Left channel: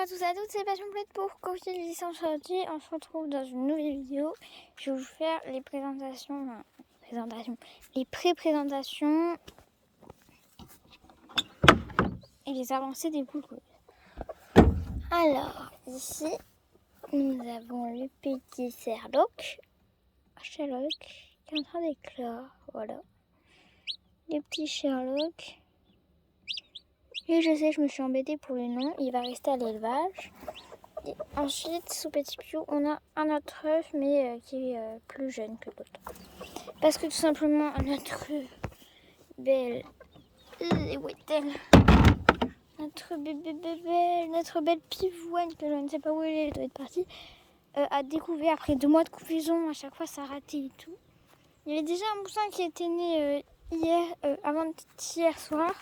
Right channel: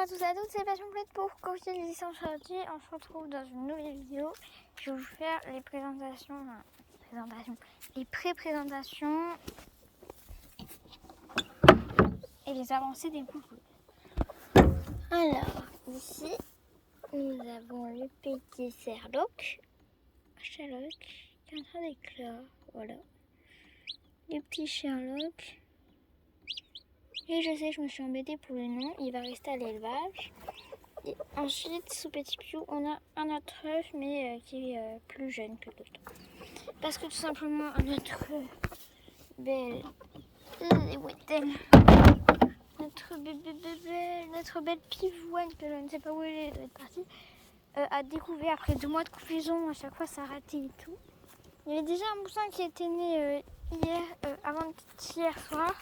à tous et à toutes, c'est Passion Plate pour Coquille Licence Aujourd'hui. On se retrouve dans une nouvelle vidéo. Je vais vous faire les les pré-présentations et les avancées des poules. Alors, ici, nous avons le petit Sherlock qui est en train d'éclore. Voilà. Le petit Sherlock. Et je sais, je me suis embêtée pour le nom. Il va rester à l'élevage. Et ensuite, sous Petit Piou, on a un autre œuf, mais qui est plus jeune que l'autre. Parce que tout simplement, notre belle... Où est-elle? Notre belle pivoine, que je ne sais pas où elle doit être partie, a découvert après 2 mois de couvaison, à chaque fois ça ratait et tout. Il y avait déjà un poussin qui était né avant-hier soir.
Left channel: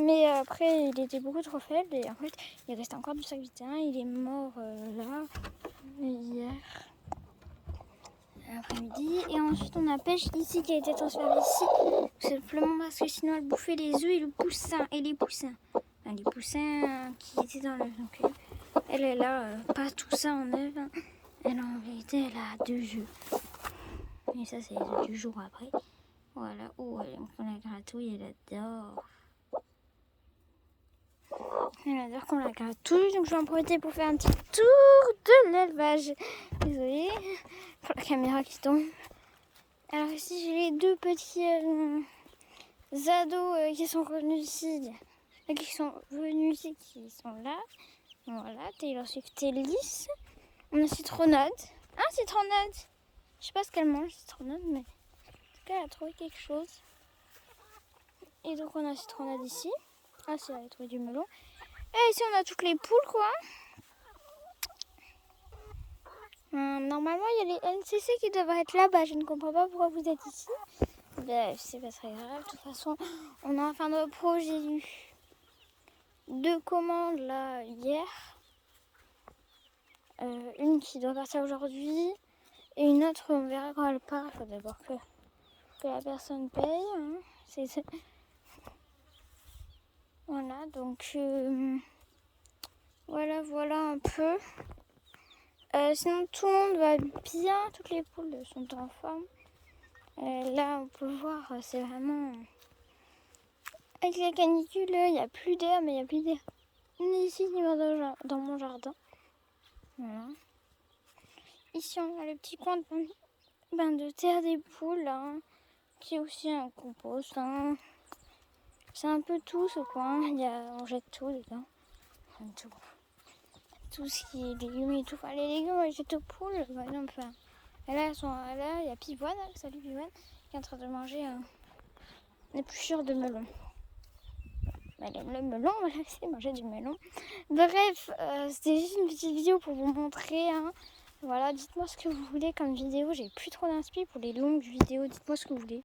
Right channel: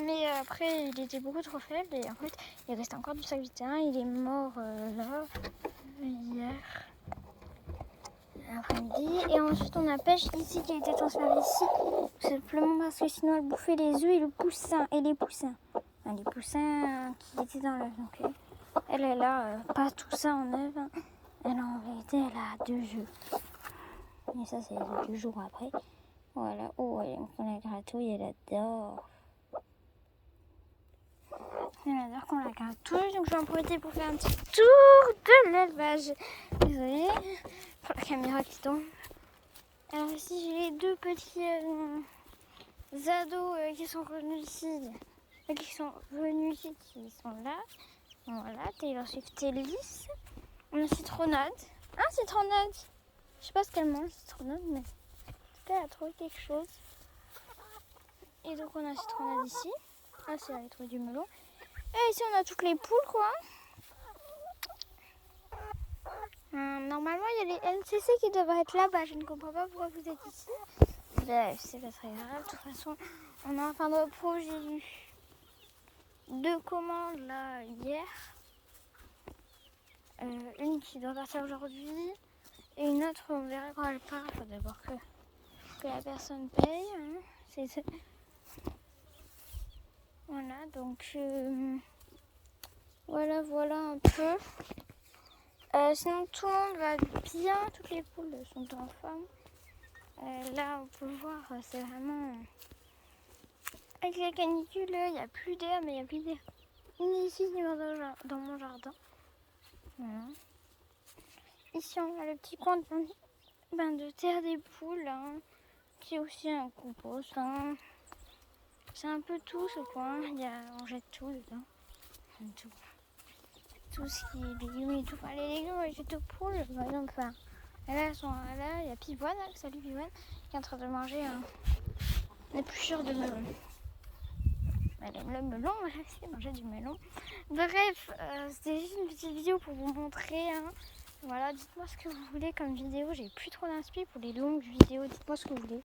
Mais après, il était beaucoup trop faible et en fait, il restait encore du sac vitérin. Il est mort là, hier après-midi. Et ensuite, on a Pêche ici qui a été transférée ici. Simplement parce que sinon, elle bouffait les œufs et le poussin. Et les poussins. Enfin, les poussins qui étaient dans l'œuf. Donc, elle a pas tout ça en œuf. Hein. Elle en vérité, elle a 2 œufs. Et ça, c'est les œufs du jour après. Voilà. Oh, elle prend la gratouille, elle adore. Elle adore qu'on la gratouille, donc je vais en profiter pour faire un petit tour de l'élevage. Désolée pour la caméra qui tombe. Alors ici j'ai les 2 petits ados qui sont revenus ici, qui sont là. Voilà, Taylor Swift et Lys. On a Citronnade. Ah, Citronnade! Je sais pas ce qu'elle mange, Citronnade, mais en tout cas elle a trouvé quelque chose. Et donc on a Citronnade ici. Ah, c'est elle a trouvé du melon. Et ici on a toutes les poules quoi. Normalement il y a les NCC qui devraient être là-bas. Je ne comprends pas pourquoi vous êtes ici. Ben, c'est pas très grave. De toute façon, on a enfin notre projet. J'ai eu 2 commandes là hier. Une qui doit partir aujourd'hui. Et une autre on verra quand elle part. Il faut d'abord que la personne paye. Hein. Voilà donc voilà un peu. Sinon tout le monde va bien, toutes les poules sont en forme. Là on peut voir, c'est vraiment... Avec la canicule, il n'y a plus d'air, mais il n'y a plus d'air ni ici ni dans mon jardin. Voilà. Ici on a le petit coin de bain de terre des poules, hein, qui est aussi un compost. Hein. C'est un peu tout ce coin, on jette tout dedans. Enfin, tout ce qui est légumes et tout. Enfin, les légumes, on les jette aux poules. Par exemple, là, il y a Pivoine, salut Pivoine, qui est en train de manger un épluchure de melon. Elle aime le melon, voilà, c'est manger du melon. Bref, c'était juste une petite vidéo pour vous montrer. Hein. Voilà, dites-moi ce que vous voulez comme vidéo. J'ai plus trop d'inspi pour les longues vidéos. Dites-moi ce que vous voulez.